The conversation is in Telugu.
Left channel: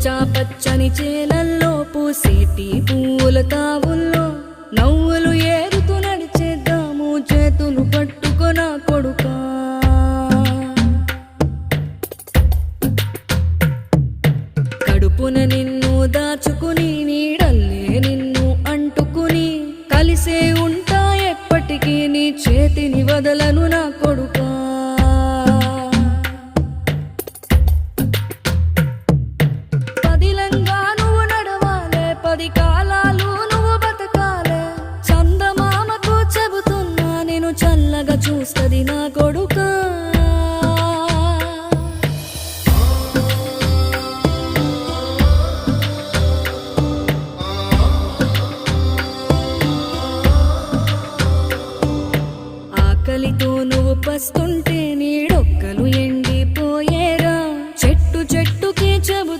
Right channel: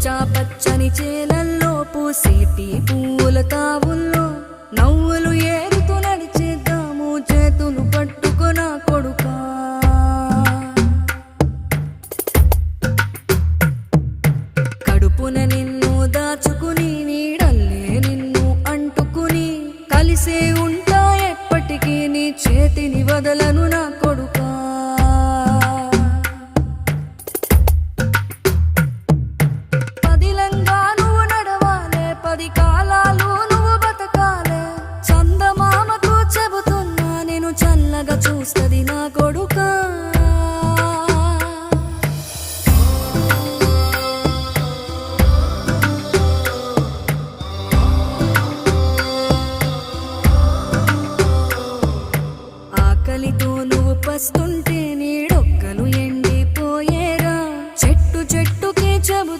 పచ్చా పచ్చని చేలల్లో పూసేటి పూల తావుల్లో నవ్వులు ఏరుతూ నడిచేద్దాము చేతులు పట్టుకొన కొడుకా. కడుపున నిన్ను దాచుకుని నీడల్లే నిన్ను అంటుకుని కలిసే ఉంటా ఎప్పటికీ నీ చేతిని వదలను నా కొడుకా. పదిలంగా నువ్వు నడవాలే, 10 కాలాలు నువ్వు బతకాలే. చందమామకు చెబుతున్నా నేను చల్లగా చూస్తది నా కొడుకా. ఆకలితో నువ్వు పస్తుంటే నీడొక్కలు ఎండిపోయేరా. చెట్టు చెట్టుకే చెబుతూ